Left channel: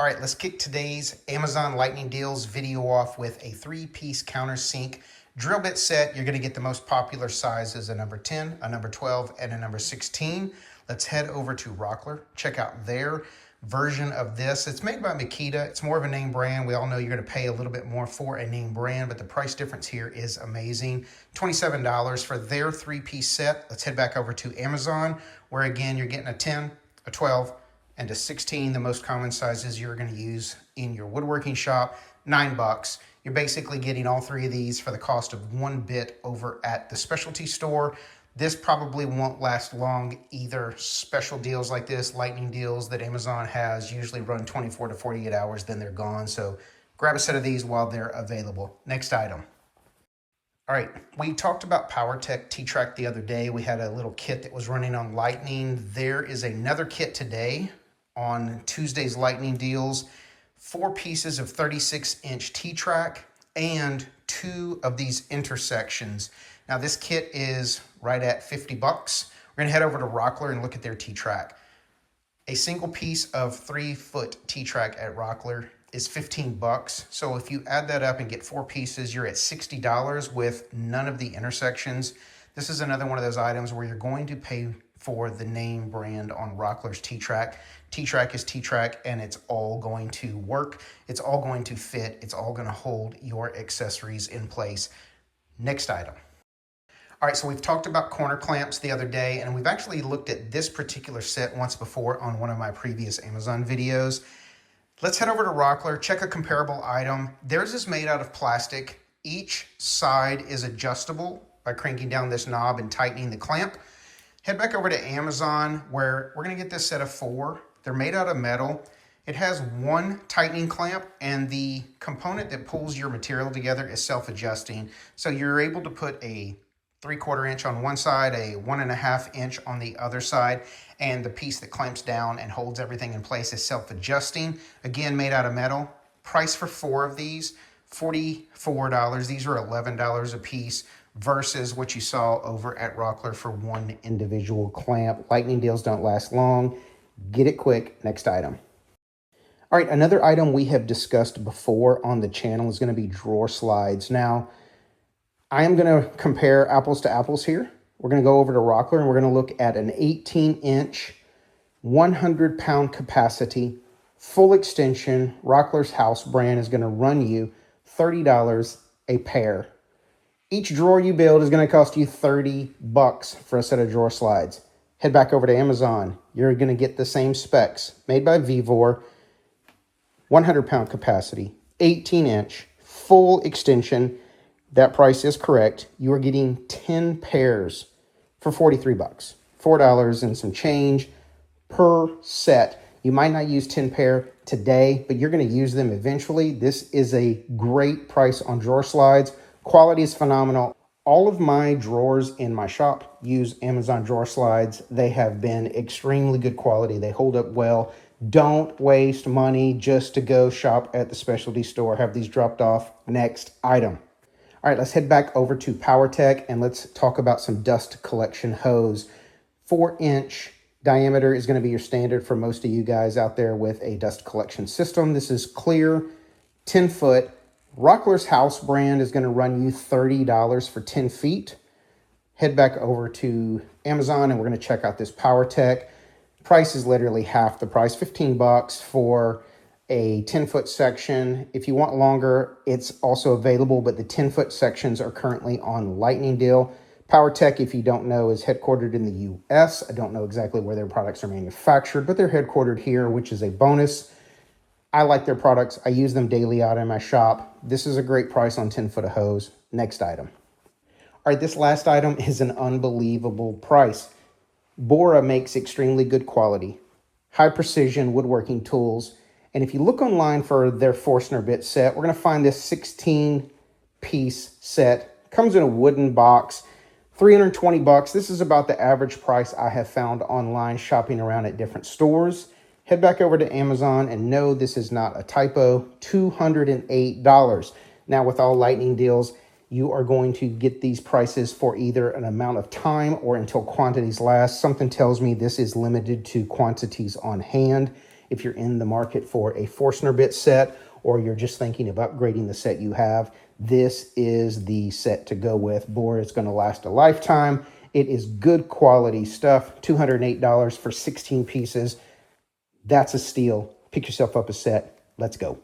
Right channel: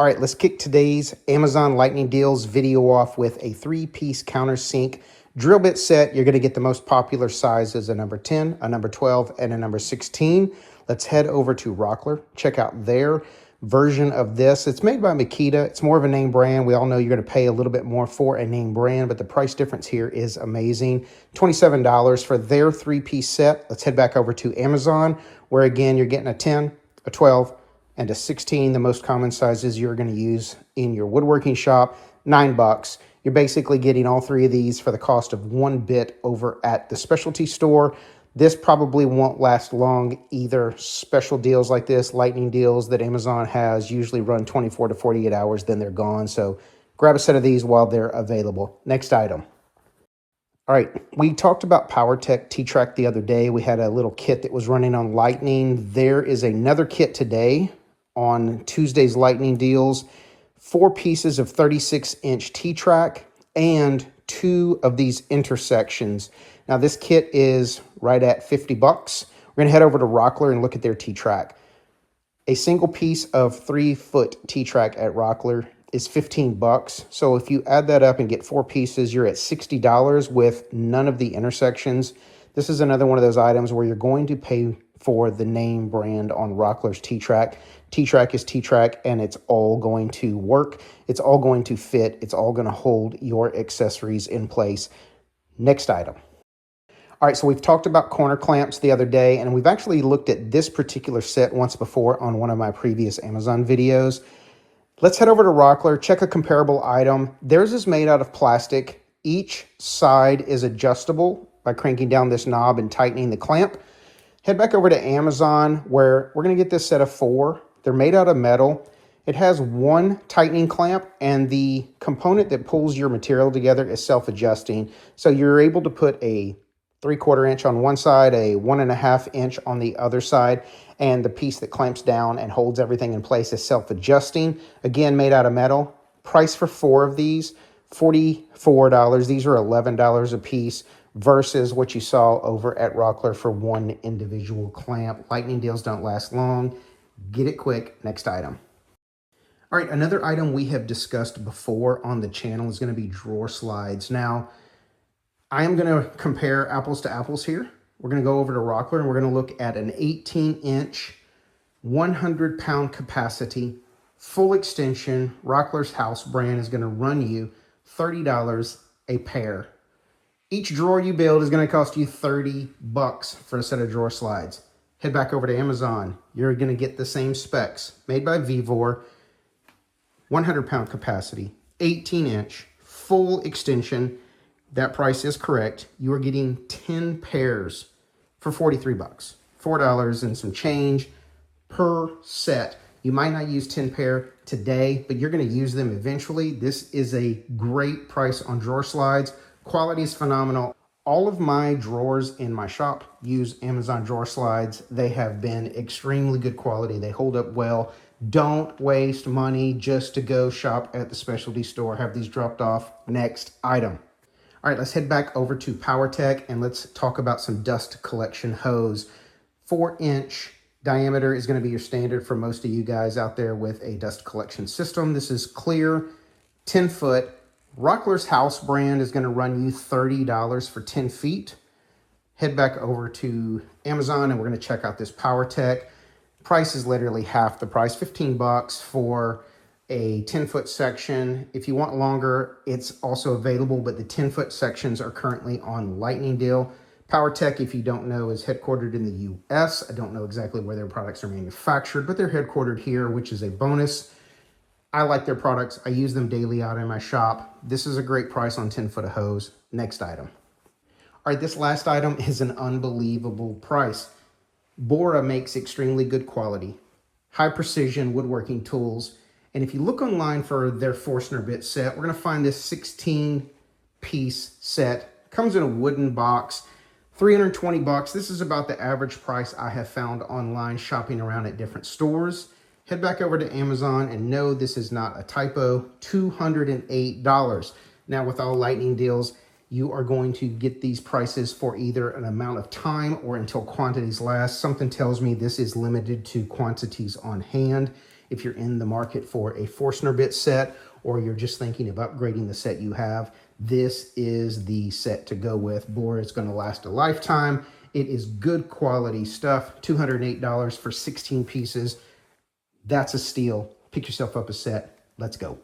All right, let's kick today's Amazon Lightning Deals video off with a 3-piece countersink drill bit set. You're going to get the most popular sizes, a number 10, a number 12, and a number 16. Let's head over to Rockler, check out their version of this. It's made by Makita. It's more of a name brand. We all know you're going to pay a little bit more for a name brand, but the price difference here is amazing. $27 for their 3-piece set. Let's head back over to Amazon, where again, you're getting a 10, a 12, and a 16, the most common sizes you're going to use in your woodworking shop, $9. You're basically getting all three of these for the cost of one bit over at the specialty store. This probably won't last long either. Special deals like this, lightning deals that Amazon has, usually run 24 to 48 hours, then they're gone. So grab a set of these while they're available. Next item. All right, we talked about POWERTEC T Track the other day. We had a little kit that was running on Lightning. There is another kit today on Tuesday's Lightning Deals, 4 pieces of 36-inch T Track and 2 of these intersections. Now this kit is right at $50. We're gonna head over to Rockler and look at their T Track. A single piece of 3-foot T Track at Rockler is $15. So if you add that up and get 4 pieces, you're at $60 with none of the intersections. This is another one of those items where you're going to pay for the name brand on Rockler's T Track. T Track is T Track, and it's all going to work. It's all going to fit. It's all going to hold your accessories in place. Next item. All right, so we've talked about corner clamps the other day, and we've actually looked at this particular set once before on one of my previous Amazon videos. Let's head over to Rockler, check a comparable item. Theirs is made out of plastic. Each side is adjustable by cranking down this knob and tightening the clamp. Head back over to Amazon, where we're going to get this set of 4. They're made out of metal. It has one tightening clamp, and the component that pulls your material together is self-adjusting. So you're able to put a 3/4 inch on one side, a 1.5 inch on the other side, and the piece that clamps down and holds everything in place is self-adjusting. Again, made out of metal. Price for 4 of these, $44. These are $11 a piece versus what you saw over at Rockler for one individual clamp. Lightning deals don't last long. Get it quick. Next item. All right, another item we have discussed before on the channel is going to be drawer slides. Now, I am going to compare apples to apples here. We're going to go over to Rockler and we're going to look at an 18-inch, 100-pound capacity, full extension. Rockler's house brand is going to run you $30 a pair. Each drawer you build is going to cost you $30 for a set of drawer slides. Head back over to Amazon. You're going to get the same specs. Made by Vevor, 100-pound capacity, 18-inch, full extension. That price is correct. You are getting 10 pairs for $43. $4 and some change per set. You might not use 10 pair today, but you're going to use them eventually. This is a great price on drawer slides. Quality is phenomenal. All of my drawers in my shop use Amazon drawer slides. They have been extremely good quality. They hold up well. Don't waste money just to go shop at the specialty store. Have these dropped off. Next item. All right, let's head back over to POWERTEC and let's talk about some dust collection hose. 4-inch diameter is going to be your standard for most of you guys out there with a dust collection system. This is clear, 10-foot. Rockler's house brand is going to run you $30 for 10 feet. Head back over to Amazon and we're going to check out this POWERTEC. Price is literally half the price, $15 for a 10-foot section. If you want longer, it's also available, but the 10-foot sections are currently on Lightning Deal. POWERTEC, if you don't know, is headquartered in the U.S. I don't know exactly where their products are manufactured, but they're headquartered here, which is a bonus. I like their products. I use them daily out in my shop. This is a great price on 10-foot of hose. Next item. All right, this last item is an unbelievable price. Bora makes extremely good quality, high precision woodworking tools. And if you look online for their Forstner Bit Set, we're going to find this 16-piece set. Comes in a wooden box, $320. This is about the average price I have found online shopping around at different stores. Head back over to Amazon and no, this is not a typo, $208. Now with all Lightning deals, you are going to get these prices for either an amount of time or until quantities last. Something tells me this is limited to quantities on hand. If you're in the market for a Forstner Bit Set, or you're just thinking of upgrading the set you have, this is the set to go with. Bora is going to last a lifetime. It is good quality stuff. $208 for 16 pieces. That's a steal. Pick yourself up a set. Let's go.